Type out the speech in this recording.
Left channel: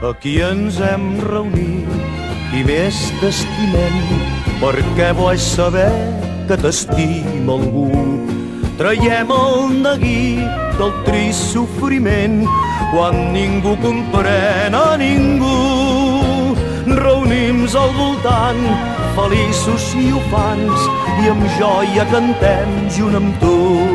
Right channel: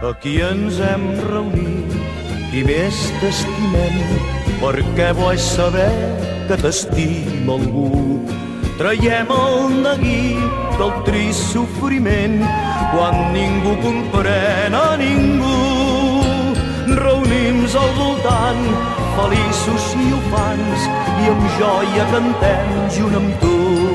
Aquí ens hem reunit i més t'estimem, perquè bo és saber que t'estima algú. Traiem el neguit del trist sofriment quan ningú comprèn a ningú. Reunim-nos al voltant, feliços i ufans, i amb joia cantem junt amb tu.